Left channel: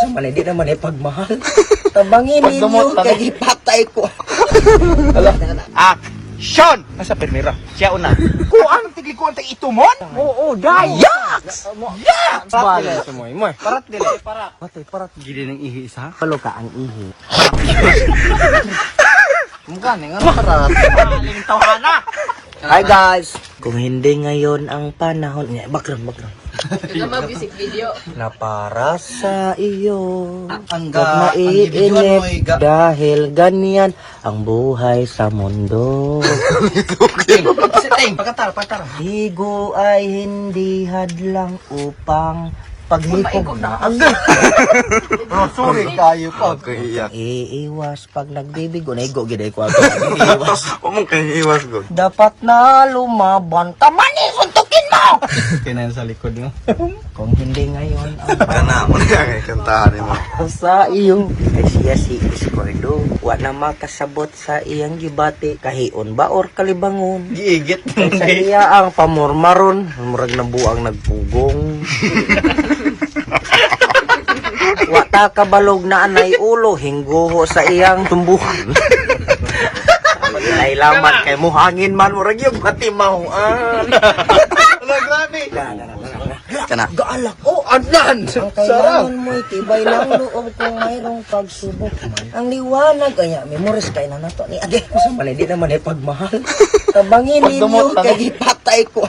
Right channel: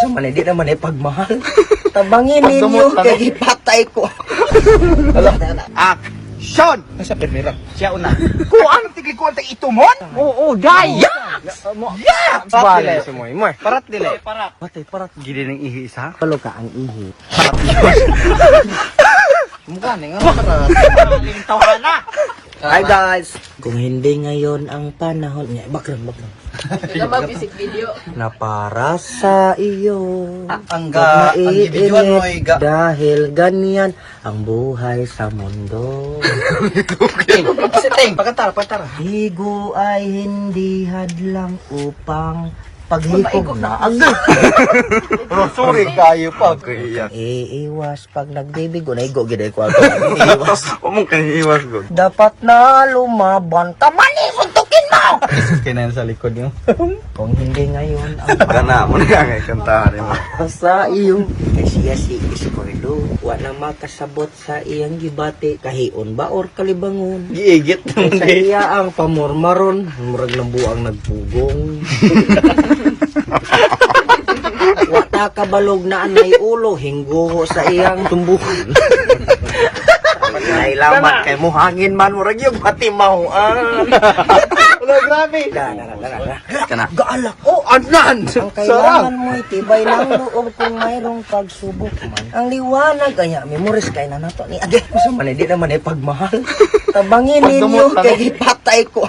Sa man, hindi naman pagmahal. Tabangin ninyo, kaya ipatay ko. Action! Nasa permira. Siya una. Kung anong tiglikuan tayo itumon? Oo, dai! Yaks! Yaks! Bala si Moy Moy. Parat dili, parat. Gili ng ihi isa. Palo ka ang ihi. Mukha nga parat. Maling tawhana. Hi guys! Kung hindi ngayon ang panahon niya, background. Mag-music video. Na para sa iyo. Ang Huwag individual maiinip dahil ganyan ang buhay sa mundo. Siting, pagkatara. Ligo ay hindi hadlang upang paghikog na agad. Sorry kayo ka. Iiwas pag nagbibigo. Naigo gid ko ako. Iiwas. Umong kayo iwas ko. Dapat na lumaban. Tamani, suntukin mo! Kinan sa likod mo. Kung hindi ngayon ang Gana mo na yung kantahan mo. sa iyong siya si Iscordo. Wala makasabot sa iyang gibati kahion ba or kalibangon. Giigit. Sa iya ang pamormaron. Murag na buang nagpugong. Wata kabalog na anay ulo. Hingguho sa iyang tumbuhan. Ay laman kay mo hangin man. Murag yung patimahuan. Grabe. Kana. Gaalak. Oh, anan! Ang kailangan mo tibay lang loob kung mayroong pagsubok man. Ang liwanag, kaya memories kay na nato ni Age. Sa man, hindi naman pagmahal. Tabangin ninyo, kaya ipatay ko.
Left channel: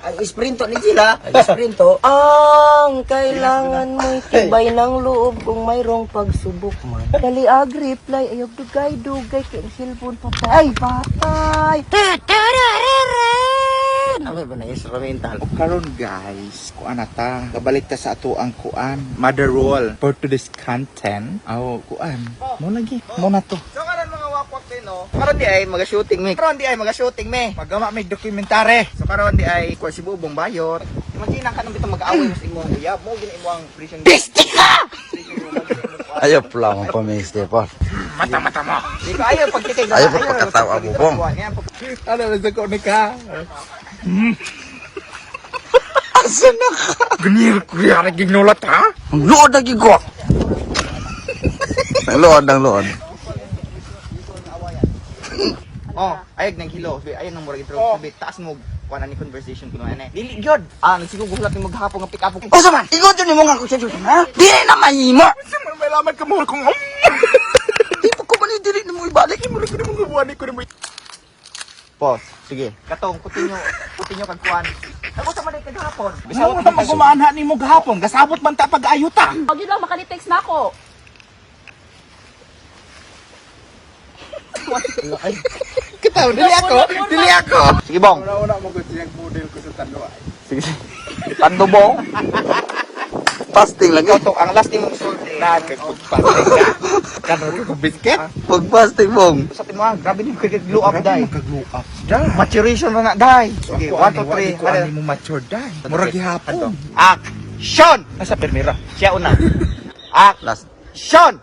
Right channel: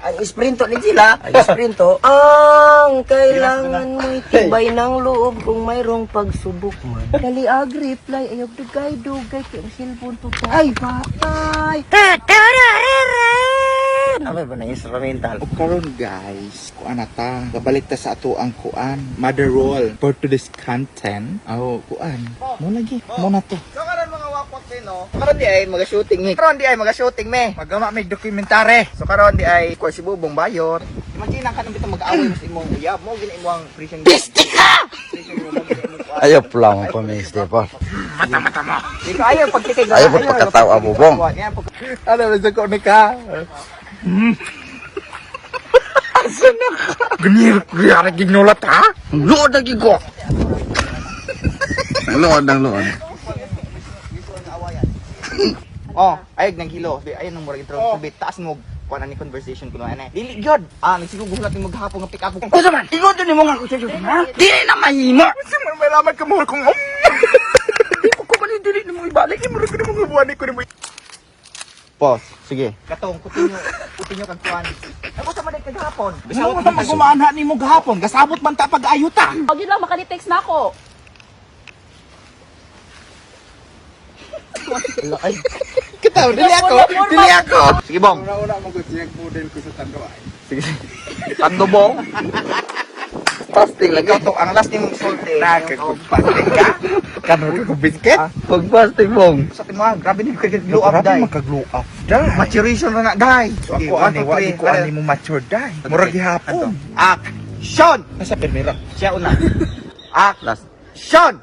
Ang isprinto ni sila, ang isprinto, ang kailangan mo tibay ng loob kung mayroong pagsubok man. Dali reply, ayaw dugay-dugay, kaya ang cellphone patay. Ano ba na instrumental? O karon guys, kuan ata, kabalik ta sa ato ang kuan, mother roll for today's content. Kuan. Mo lagi, mo na to. So karon mga wapot no. Karon di ay maga-shooting me. Magama may dokumentary. So karon di ay ko si Bubong Bayot. Magina ka nang bitong mag-away mo sa imong uyab mo gina imong prison. Ayaw lang ko may Stefan. Ayaw pagtitig. Ayaw po pagkatawa mo bong. Ano ba ko ni ka? Asa na ka? Ganyan ko yan ginulat ha? Lood na gigo. Lood. Oh, ayog ng kilo. Ayun ang murag intro. Subit taas mo kuan ani conversation kuno ay. Dili gyud. Nagsigugulat ni maghapon nga pick up. Asa man? Igo din mo nga ko sa ha? Di na mahimo. May laman ka mo kung Di ko man dili mo ibalik ni mo ko mo buwan ko ni mo. po. Sige. Katong kutinyo kag kuan. Ako sa man kagahapon. Bisawat na magumaanha nimo gahapon, gasabot man ta pag-ayuta. Huwag yun lang, makani-text na ako. Kitaw dili ako. Sige bong. Una mo gud siya model ko sa tanduay. Sige. Tando bong. Pasting lagi. Katong ang last nimo sulti. Nagpagpasting ka. Kano ko biscuit? Pag-pasting mong. Sa timo grabe ni ka glow up dai. Magka-glow up dai. Maturation na dai. Ako ani ko ani mo mature dai. Murag gihapon. Action! Nasa permira. Siya una. Last. Action!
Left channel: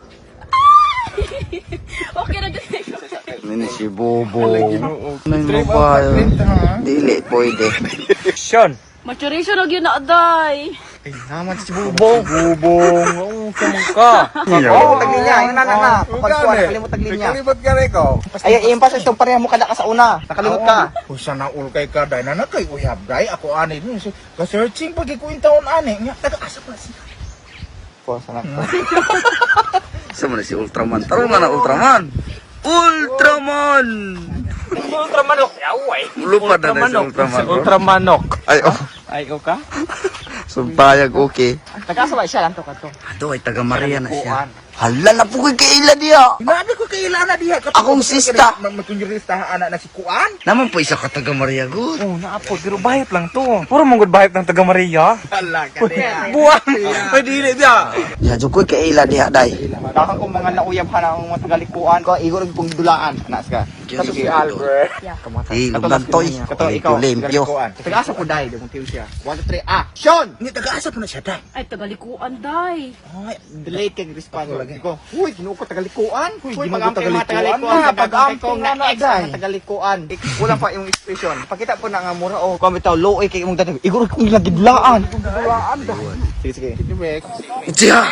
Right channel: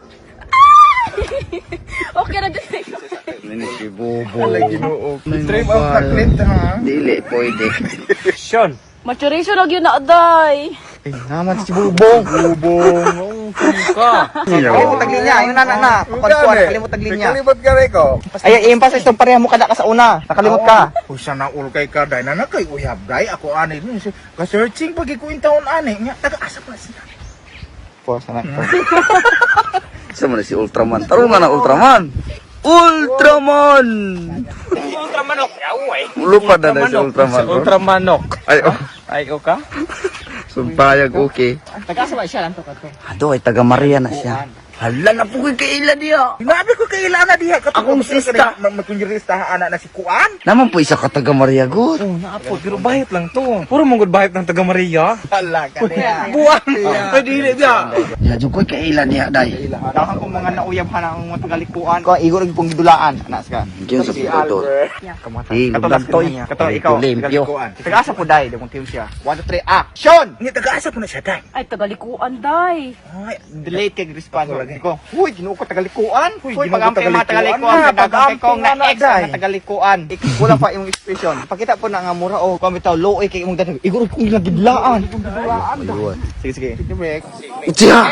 Okay na dyan. Nini si Bobo. Stream of clip ha. Dili pwede. Action! Maturation lang yun na, aday. Naman si Bubong. Yo. Taglinya, yung nanan na. Nakalimot ka rin ko. Ay, yung pa itong pareha mo kada ka sa una. Nakalimot ka. Usa na ulkay ka dai na kay uyab dai ako ani ni ka-searching pag ikuintaon ani nya taga asa pa siya. Po, sana. Sama na si Ultraman. Taro man ang Ultraman. Ultraman! Ultramanok! Yaway! Lupa na si Ultraman. Ultramanok. Ay, oh. Ay, ka? Sumpayag okay. Taga-asa ba siya lang to kato? Ado ay taga Maria na siya. Hala na po kay kaila diya. Grabe ko kailan na diha. Akong sista. Magkunjurista anak na si Kuan. Naman po isa ka taga Maria good. Oh, naapod. Pero bahit lang to. Puro mong good bahit ng taga Maria. Wala ka niya. Buwan! Ay, dili diya. Ya jud ko kaila diya dai. Dapat kung mga nauyab ka na ang mga tagalikuan. Kung igor yung pungdulaan. Anas ka. Diyo sa pudo. Kamatay. Eh, lugantoy. Kato, ikaw. Limpyo. Taga-asa po dahil. Kung team siya. 1, 2, 3, action! Nga taga-asa po na siya, day. Ay, tagalikuan, day. Delay kay respond. lagi. Ikaw, huy, ginoo ko tagalikuan. Huy, ginoo ko tagalikuan. Pag-amping nga na, day. Tagalikuan. Wala pa yung expression. Pakita po na nga mura, oh. Kung bitaw, low, kay mong tatag. Igor, kung nagidlaan. Sige, sige. Take a break. Tiya!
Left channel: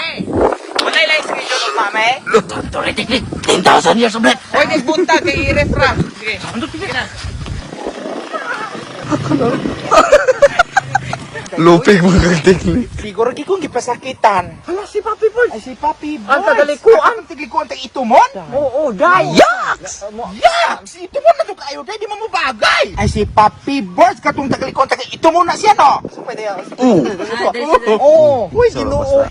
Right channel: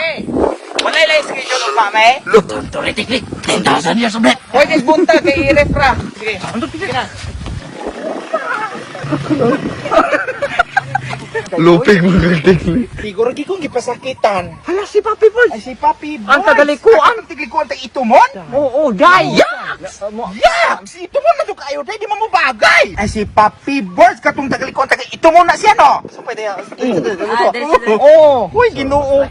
Okay, lang, screenshot lang, eh. Lo, tuloy-tiklik. 2,000 years ulit. Hoy, disbunta kay i-ref lang. Sige. Lupig mga tiklik. Siguro di kong gipasakitan. Si Papi Boy. Ay, si Papi Boy. Ang tagalikuan. Ang tagalikuan tayo itumon? Oo, day. Yaks! Yaks! Itumon na to kayo, day. Di mo bagay. Ay, si Papi Boy. Katong tagalikuan tayo itumon na siya, no? Oo. Uy, ginoo ko ang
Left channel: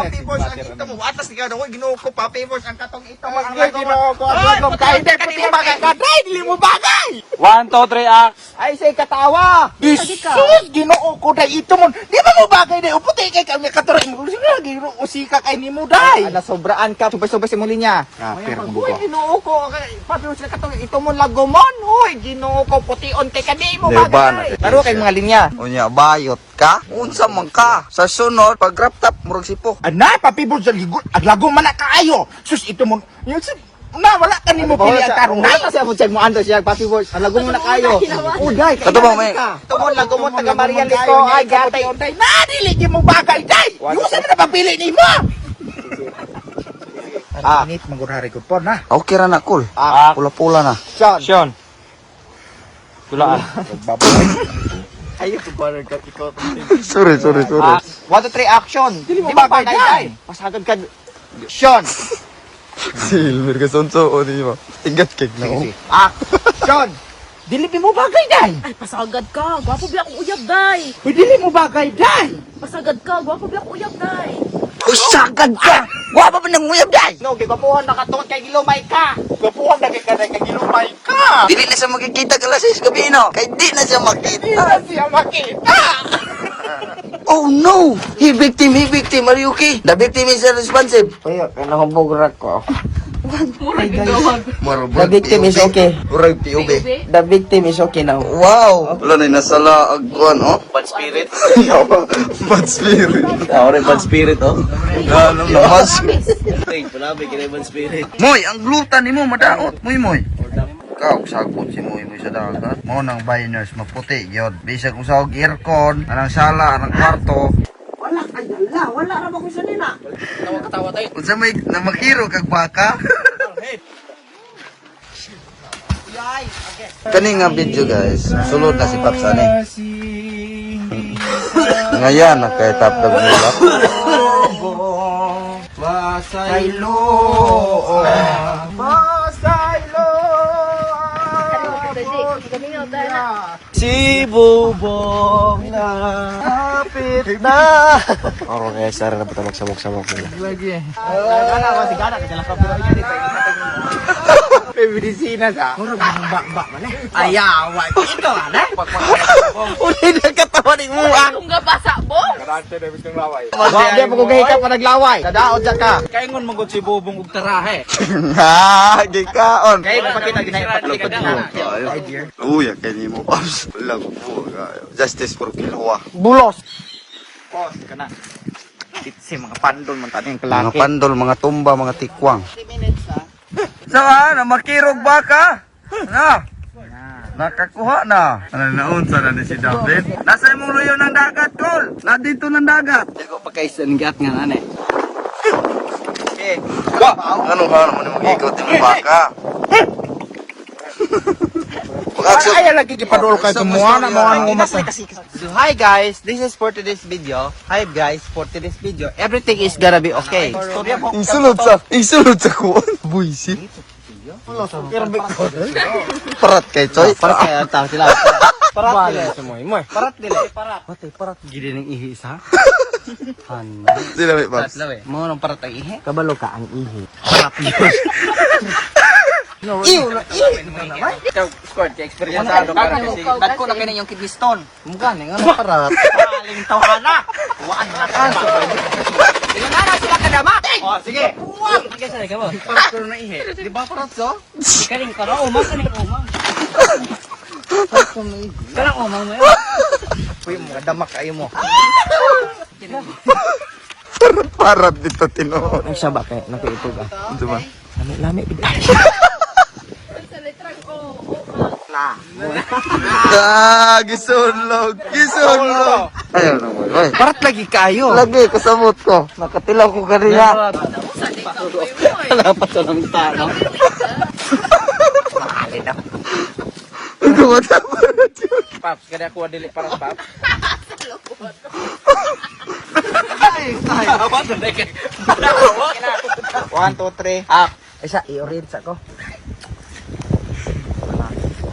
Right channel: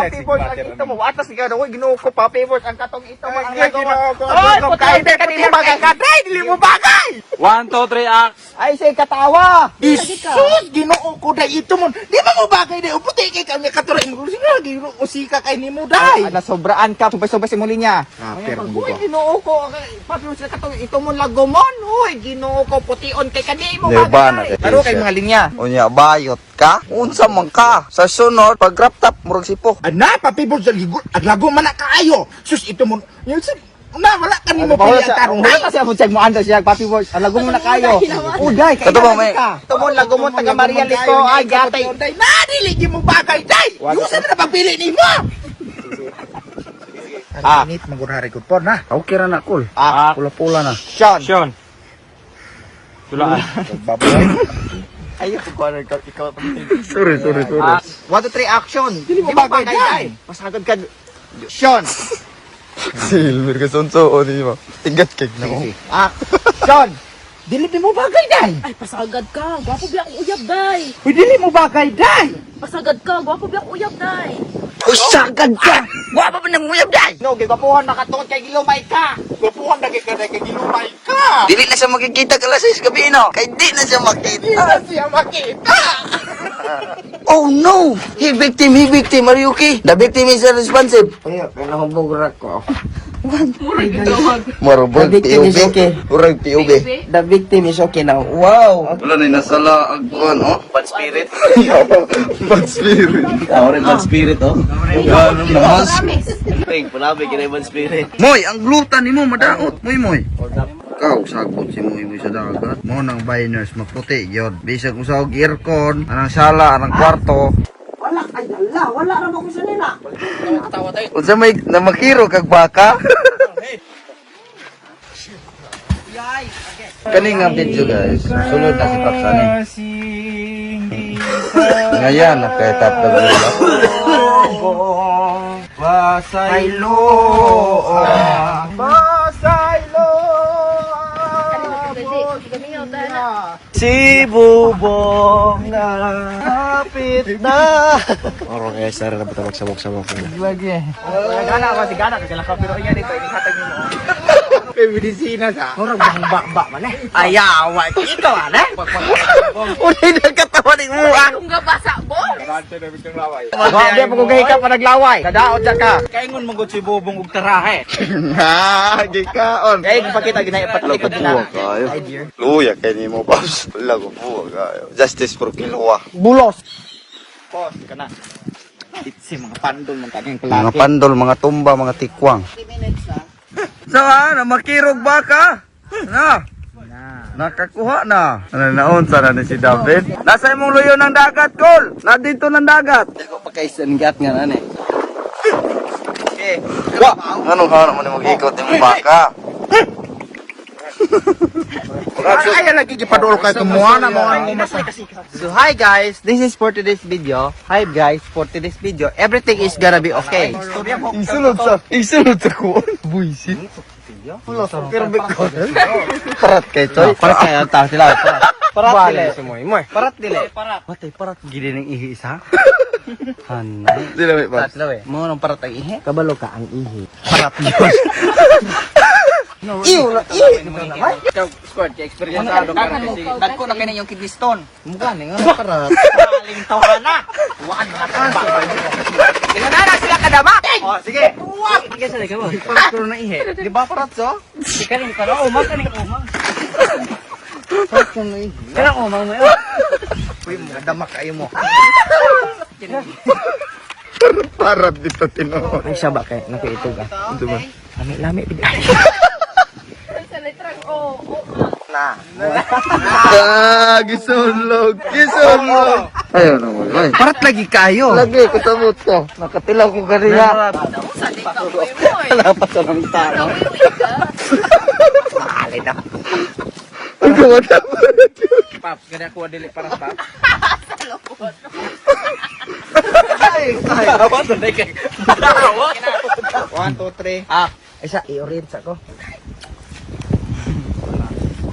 Papi Boy. Ang itumon. Atas nga daw, ginoo ko, Papi Boy. Ang katong itumon. Ang ginoo ko. Ay, putay, day. Dili mo bagay ka, day. Dili mo bagay. 1, 2, 3, act. Ay, siya katawa. Isis, ginoo ko day itumon. Di ba mo bagay day? Uputi kay kanya katuray mo. Sige lagi, usika kay ni mo day. Nasobraan ka, subay-subay si muli niya. Uy, ginoo ko. Papi mo sila katuray, itumon lagomon. Uy, ginoo ko, pution kay kani mo Leban, bagay. Pero kay mga linya. Unya, bayot ka? Unsa man ka? Sa sunod, pag wrap top, murag sipo. Ana, Papi Boy, at lago man na kaayo. Sus, itumon. Na, wala ka ni mo pili ang karong. Wala kasi ako check mo ando siya, Papi Boy. Alago mo na kayo. Uday, Kato ba, may- tumon lago mo taga Maria Lito. Ay, gatay. Na, dili di mo bagay, day. Usa na pagpili ni mo. Ang init, magurari ko po na. Okay ra na, cool. Pula-pula na. Sean. Tulaan. Ayaw, pagkuhanan ka, ikaw. Sorry. 1, 2, 3, action. Dili mo bagay, day. Pasagad ka. Sean. Silver ka sonso, o di ba? Tigat cake na ko. Action. Dili di mo bagay, day. Ay, pasagad ka. Gwapo biya akong uyab, day. Uy, dili mo bagay, day. Pasagad ka. Gwapo biya akong uyab, day. Usagad ka! Wapa pa nang uyab dahil! No, gigapuhan na katon kay gilumay ka. Gapuhan na kay gilumay ka. Dili na siya makikita ka lasis gabi, no? Kay di na siya makita! Siya makita. Oh no! He victim, Mariuki! The victim is responsive! Ay, kanahubog ra ko. Marabag, The victim is okay. Urag, tiubi. The victim is okay now. Wow! Wala na nasala agkuhan, oh? Bad spirit? Bad spirit. Bad spirit, oh. Ano naman? Panabi, kina bad spirit. Moy, ang glutan ni mo, madaot. Moy. Kau sagot si Moy sa dagat. Mo nang biners maputi yun. Bisag usawag aircon, anang sala, anang kwarto. Wala, ay, wala na mo ko sa nila. Unsa may namakiro kag baka? Kani nga video guys, sulod na si Paksani. Ngayon, nakatap na gulap. Pasaylo. Pasaylo. Si Bubong na hapit na. Oro kaya sara na patawag sabok-sabok nila. Lagi. Gana ako si Gana kasi lakaw pero iya dito ihatag nimo. Medisina sa. Oro bak man eh. Ayawa ito ana. Uli na katawa ni mo ang. Kung gabasa mo. Wa di pa ko gahi ka pa naglaway. Kadaot sa ka. Kaingon mo gud si Bubong ug tarahe. Ha, gikaon. Kay mo kapita ginay Lago buwa kayo. Luya kay ni mo pa. Lago buwa kayo. Justice for Kilawa. Bulos. Pos kana. Si mga pandol man taning Mga pandol, mga tumba, mga tikwang. Sa namakirog baka? Na. Nakakuha na. Ano naunsa na ni si David? Nasa imong luyo ng dagat, Col. Na dito ng dagat. Ko pa kay sanggat nga nanay. Wa, ano mo ni mag-ikot ni baka? Kaya lagi gipadol kay semua na mo ang So hi guys, this is for today's video. Hi guys, for today's video, everything is gonna be okay. Isunod sa kuwan. Buisi. Parat kay Choy. Bale sa moy moy. Palat dili. Gidi ning ihi isa. Sila may pas. Mo nang parat ang ihi. Kabalo ka ang ihi. Squad, experience sa dagko na kini yung kidney stone. Mukha ni nga parat. Paling tawhana. Waan na natin ba. Kadama. Oh, sige. Sige sa ka mo. Parat ko na ihe. Di ba parat so? Kaning karo umang kaning umang. Kana umang mo. Uy, damak kayo mo. Parang dito tinuod. Ang siya ba kay nakiitog ah. Ito man. Lami bigla. Na. Gisulog. Ayaw naman. Ay. Parat lagi kayo. Lagi, kasabot ko. Nakatilaw ko kanina. Wala pa sa ng tao. Alay na. Ang kumata pa na dyan. Ganda ko dili pa ba. One, two, three. Isa, i-orient sa ko.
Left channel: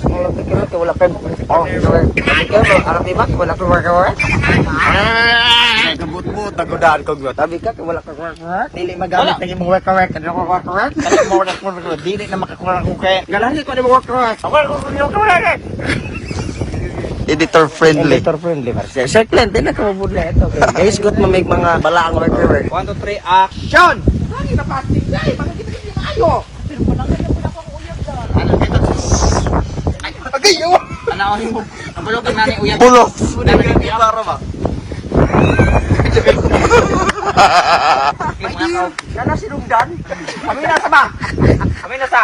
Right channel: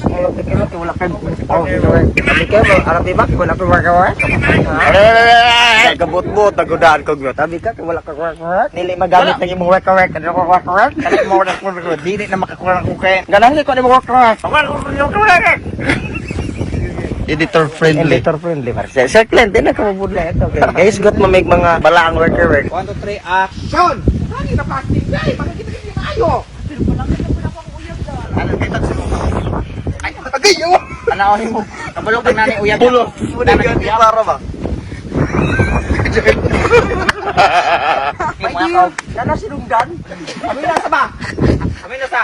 Wala ka kaya, wala ka. Arabi ba? Wala ka magawa? Gabot-bot, nagudaan ko gwa. Tabi ka, wala ka work. Dili magamit ng imong work. Ano ko work? Kali mo na ko. Dili na makakuha ko kay. Galang ko ni mo work. Editor friendly. Editor friendly. Sir Clint, hindi na ka mabudla ito. Guys, got mamig mga balaang work. One, two, three, action! Lagi na plastic guys! Makikita kayo! Ano kita sa Agayo! Anaonin mo. Ang balogin na ni uyab. Bulos. Sudah ganti para ba? Nana sinungdan. Kami na sa ba? Kami na sa.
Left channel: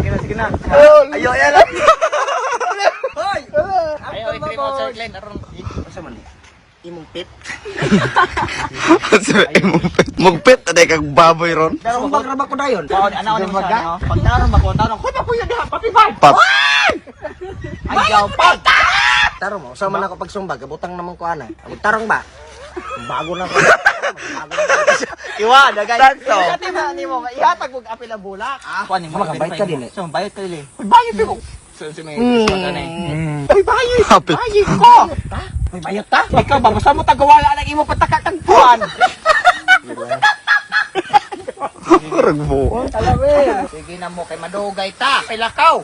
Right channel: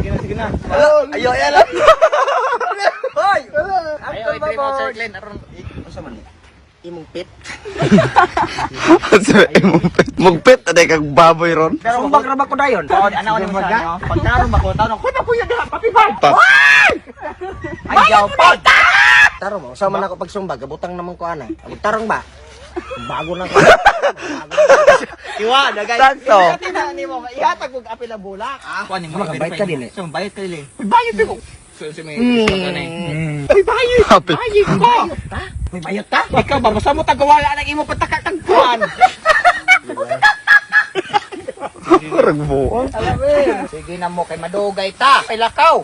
Sige na. Ayo, yan lang. Hoy! After ba mo? Sir Glenn, Asa man? Imong pit. Mugpit, aday kang baboy ron. Sumbag ra ba ko dayon? Anaonin mo siya. Pagkaroon ba ko? Tanong, kuya kuya dala patibay. Pap. Ayaw pa. Tarong mo, sama na ako pag sumbag, butang naman ko ana. Tarong ba? Bago na ko. Iwa, dagay. Tanto. Ni mo, ihatag mo apil ang bulak. Kuan mo. Makabayad ka din eh. So, bayad ka din. Bayad ko. So, may Ay, bayad. Happy. Bayad ko. May bayad ka? Ikaw ba, basta mo tagawala ng imo patakatagpuan. Parang buong. Sige na mo, kay madugay ta. Kay lakaw.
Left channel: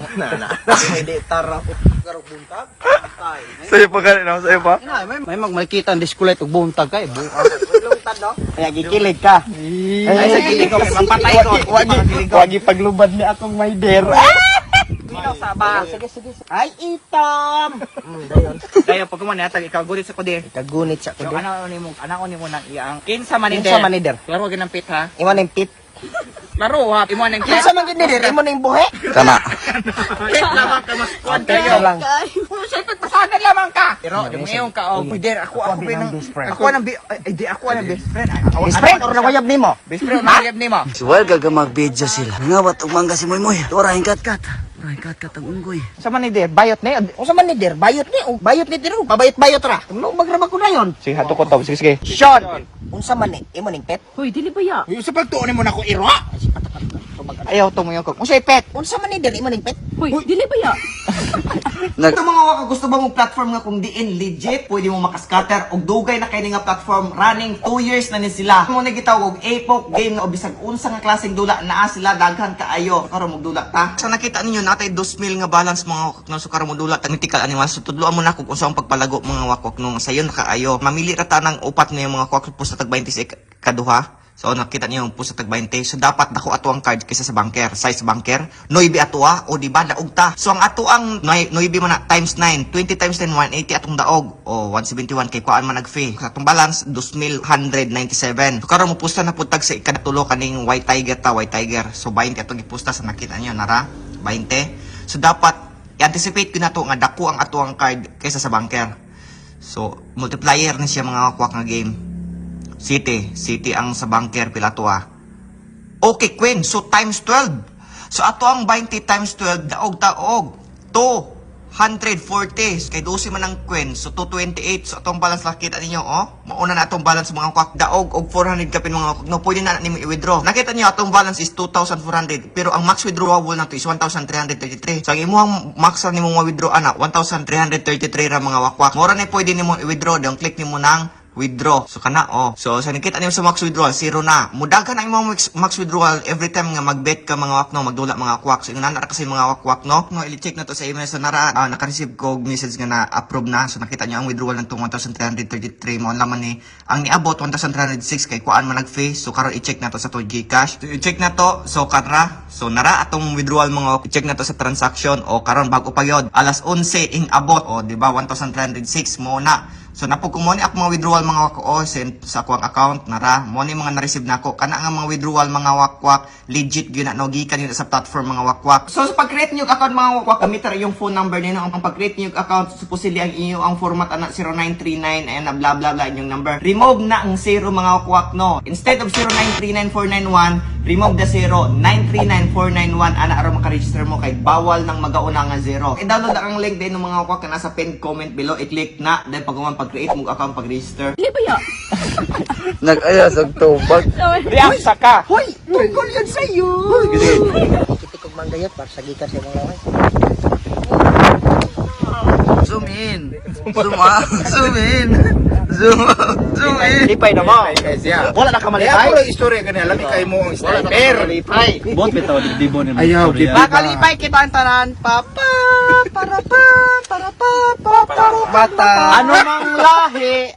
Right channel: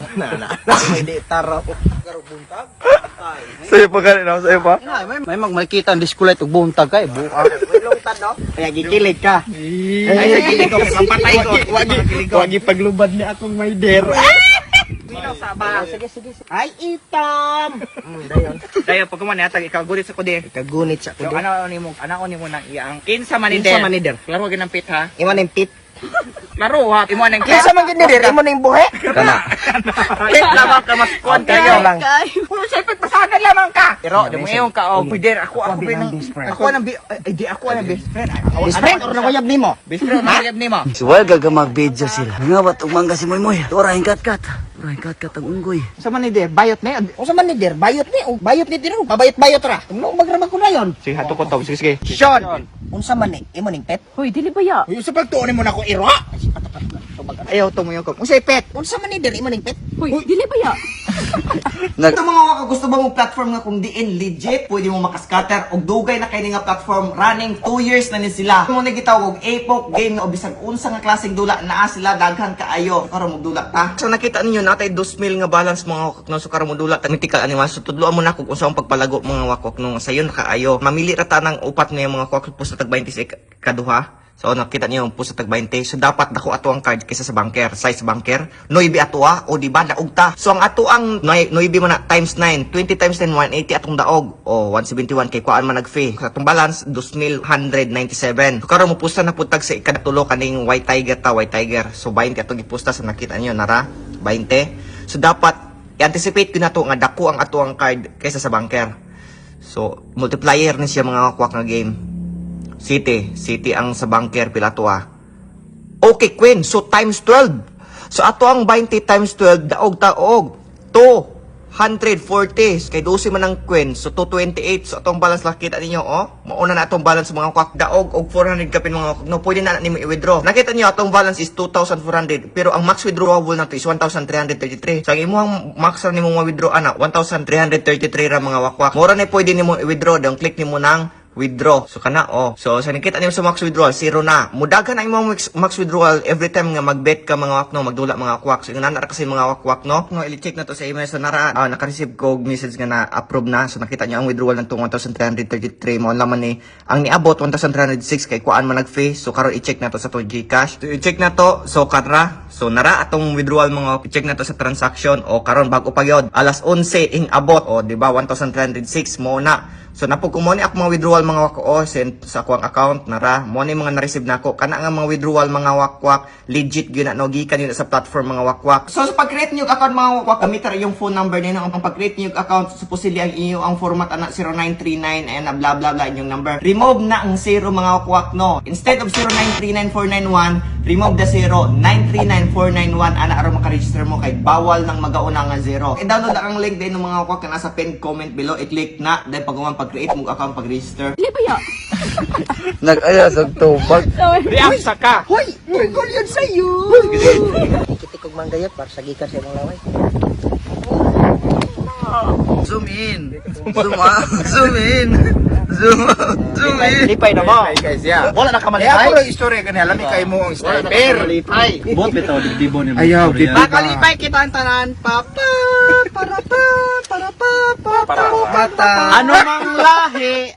Pwede taro. Karong buntag. Sa'yo pa ganun, sa'yo pa? May magmakita ang diskulay ug buntag kay buka. Kaya gikilig ka. Ay, sige ko, kay mapatay ko. Wagi paglubad ni akong may der. Sige. Ay, itam. Dayon. Dayo, pag kuman yatag, ikaw gudit sa kudir. Kagunit sa So, kundi. ano ni mo nang iyang kinsa manider. Kinsa manider? Laro ginang pit ha. Iman ang pit. Laro ha. Imo nang pit. Kinsa man gid dir? Imo ning buhe? Kana. Pit lamang ka mas kuan Pit kayo. lang. Siyempre, pasagan lamang ka. Pero, di mo ngayon ka, pider, ako ng best friend. Ako ang best friend. Best friend or nakuyab nimo? Best friend, nakayab ni mo. Suwal gagamag-video sila. Nga ba't umangga si Moy? Tora, hingkat-kat. Hingkat-kat ang unggoy. Sa manider, bayot ni. Usa man ni dir? Bayot ni. Bayot ni tiro. Pabayot ra. Ano magraba ko dayon? Sige, hato ko to. Sige. Sean! Unsa man ni? Imo ning pet? Hoy, dili ba ya? Yung sa pagtuunin mo na ko iro. Ayaw to mo yung ko. Unsay pet? Unsa man ni dir? Imo ning pet? Hoy, dili ba ya? Ito mga waka, gusto ba mong platform nga kung diin legit, pwede mo makascatter og dugay na kay nga platform running 2 years na ni sila. Mo na gitawag og APOC game o bisag unsa nga klaseng dula naa sila daghan kaayo. Karon mo dula ta. So nakita ninyo natay 2,000 nga balance mga wakak no so karon mo dula ta mythical animal. So tudloan mo na kung unsa ang pagpalago mga wakak no sayon kaayo. Mamili ra ta ng upat nga mga wakak po sa tag 26 kaduha. So nakita niyo yung pusa tag 20. So dapat dako ato ang card kaysa sa banker, size banker. 9 atua o di ba daog ta. So ang ato ang 9 man na times 9, 20 times 10 180 atong daog o 171 kay kuan man nag-fee. Sa atong balance 2,197. So karon mo pusta na putag sa ikadatulo kaning white tiger ta, white tiger. So 20 atong gipusta sa nakita niyo nara 20. So dapat i-anticipate ko na to nga dako ang ato ang card kaysa sa banker. So multiplier ni siya mga kwak nga game. City ang sa banker pilatua. Okay, Queen. So times 12. So ato ang 20 times 12 daog taog 240 kay 12 man ang Queen. So 228. So atong balance lang kita ninyo mauna na atong balance mga kwak daog og 400 kapin mga no pwede na nimo i-withdraw. Nakita niyo atong balance is 2,400 pero ang max withdrawable na to is 1,333. So ang imong max ra nimo ma-withdraw ana 1,333 ra mga wakwak. Mura na pwede nimo i-withdraw dong click nimo nang withdraw. So kana So sa nakita niyo sa max withdrawal zero na. Mudagan ang imong max withdrawal every time nga magbet ka mga wakno magdula mga kwak. So ingon na kasi mga wakwak no. No i-check na to sa email sa nara naka-receive ko message nga na approve na. So nakita niyo ang withdrawal ng 1,333 mo laman ni ang niabot 1,306 kay kuan man nag-fee. So karon i-check na to sa to GCash. So i-check na to so kadra. So nara atong withdrawal mga i-check na to sa transaction o karon bago pa yod alas 11 ing abot o di ba 1,306 mo na. So napog ko mo ni ako mga withdrawal mga wako send sa akong account nara mo ni mga na-receive nako kana nga mga withdrawal mga wakwak legit gyud na no gikan yun sa platform mga wakwak. So sa pag-create niyo account mga wakwak gamitar yung phone number nino ang pag-create niyo account supposedly ang inyo ang format ana 0939 and blah blah blah inyong number. Remove na ang 0 mga wakwak no. Instead of 0939491 remove the 09399491 ana aron maka-register mo kay bawal nang magauna nga 0. I-download ang link din ng mga wakwak na nasa pinned comment below. I-click na then pag pag-create mo account, pag-register. Hindi ba ya? Nag-ayas ang tubag. Reaksa ka. Hoy! Tungkol yun sa'yo! Ikitikog manggayot para sa gikan sa imong laway. Zoom in. Zoom out. Zoom in. Zoom out. Zoom in. Lipay na mo. Wala na ka malipay. Ako lang istorya ganyan. Alam ikay mo ang sniper. Bot bitaw digdibo ni Ayaw, di ba? Nakalipay kita ang tanan. Papa. Para pa. Para pa. Bata. Ano mang lahi.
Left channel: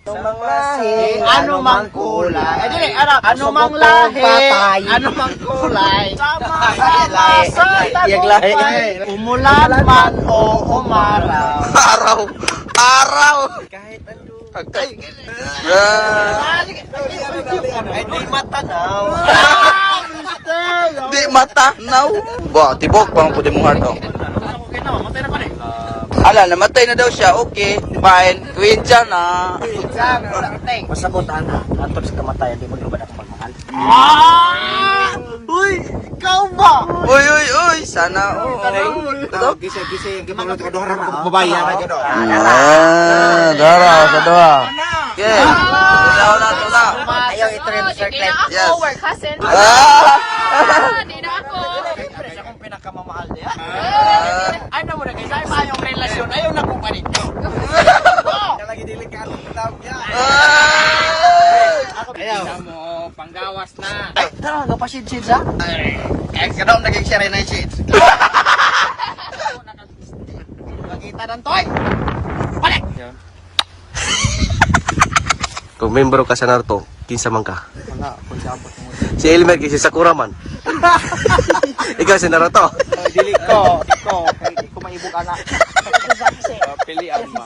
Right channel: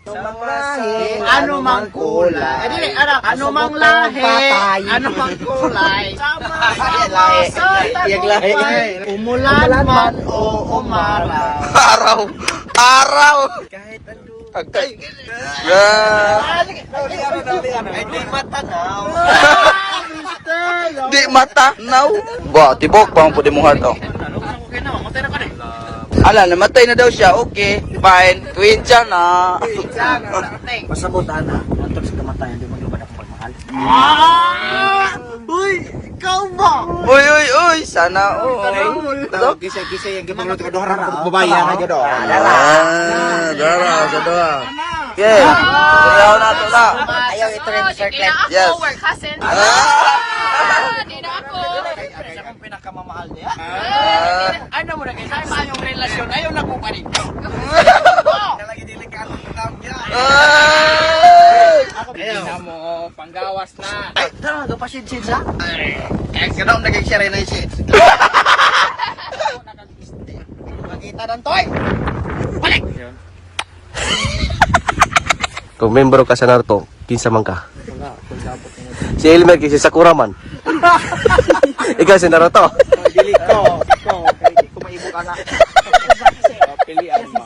Ano mang kulay. Eh dili anak. Ano mang lahi. Ano mang kulay. Iyag lahi. Umulan man o umaraw. Araw. Araw. Agay. Di matanaw. Di mata. Now. Ba, tibok bang pwede mong heart, oh. Ala, namatay na daw siya. Okay. Fine. Twitcha na. Masabot ana. Antog sa kamatayan di maglubad ako pagmahal. Uy, ikaw ba? Uy, uy, uy. Sana, oh. Gisay, gipagluto ka doon ka babae na gado. Dara. Okay. Tuyaw na, tula. Ayaw ito rin circlet. Yes. Hindi na ako. Sa akong pinakamamahal niya. Ano mo na kayo? Sa yung relasyon, ayaw na ko pa rin. Talagi delikado na tao niya. Ayaw na mo, panggawas na. Ay, tara, kapasid-sid sa? Kahit ganoon naging siya rin ang shit. Nakita ng toy. Balik! Kung membro ka sa Naruto, kinsa man ka? Si Elmer kasi Sakura man. Ikaw si Naruto. Dili ko. Kaya ko maibo ka na.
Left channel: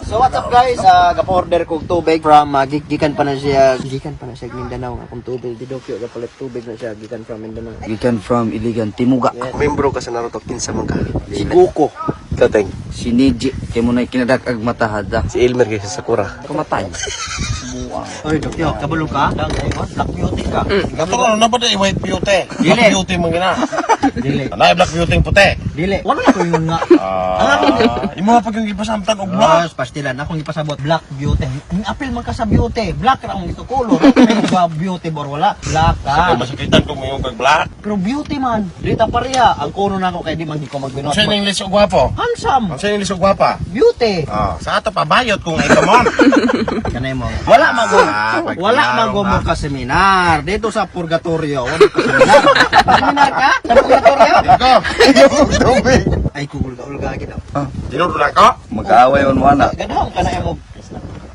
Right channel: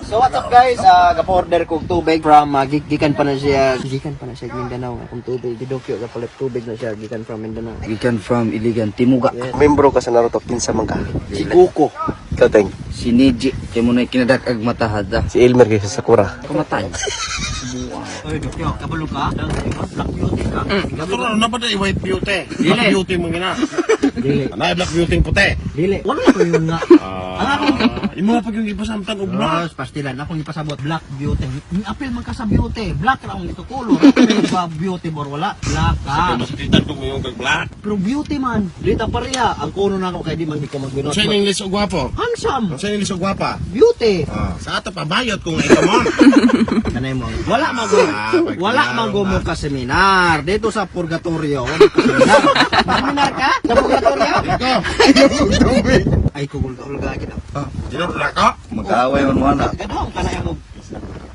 So what's up guys? Gapa-order kong tubig from gikan pa na siya Mindanao nga kung tubig gidokyo ga palit tubig na siya gikan from Mindanao. Gikan from Iligan, Timuga. Membro ka sa Naruto, kinsa man ka? Si Goku. Ikaw teng. Si Niji, kaya mo na ikinadakag matahada. Si Elmer kasi Sakura. Kamatay. Oy, dokyo, kabalo ka? Black beauty ka. Gato ano ba tayo white beauty? Dili. Black beauty mo gina. Dili. Ana black beauty yung puti. Dili. Wala ko yung nga. Imo pa yung ipasamtang og black. Pastilan akong ipasabot black beauty. Ang apil man ka sa beauty. Black ra ang ito color. Pero ba beauty or wala? Black ka. Masakitan ko mo yung kag black. Pero beauty man. Dita pareha. Ang kuno na ako kay di man di ko magbinot. Sa English og gwapo. Handsome. Sa English og gwapa. Beauty. Sa ato pa bayot kung ito mo. Kanay mo. Wala mo ka seminar dito sa purgatorio. Wala ka seminar. Seminar ka? Sa purgatorio? Ay kugul ka ulga kita. Dino black ka? Mag-aaway man mana. Gadahon ka na mo.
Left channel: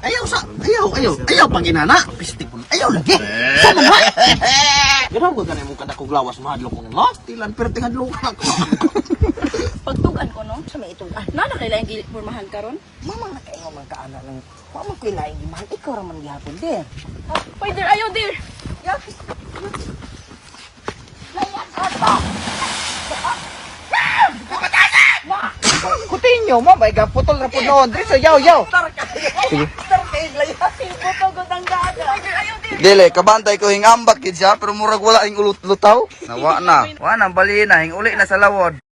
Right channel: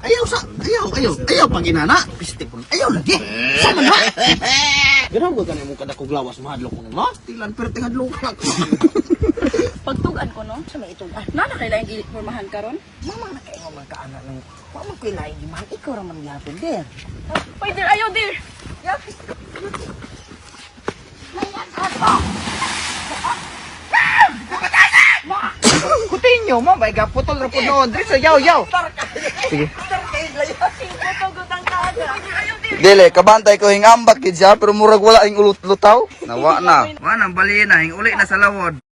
Ayaw pag inana. Pistik ko. Ayaw lagi. Sama na. Gadahon ko kanay mo kada kuglawas mahadlok ko nga. Tilan pero tingadlok ka. Pagtugan ko no, sa may itugan. Nana kailangan dili formahan karon. Mama na kayo ng kaanak ng mama ko na hindi mahal. Ikaw raman yapin der. Oh, wait there, ayaw there. Kutin nyo mo. May gaputol na po doon. Dito yaw. Dili, kabantay ko hingambak kid siya, pero murag wala hing lutaw. Nawa na. Wa na, bali na, hing uli na sa lawod.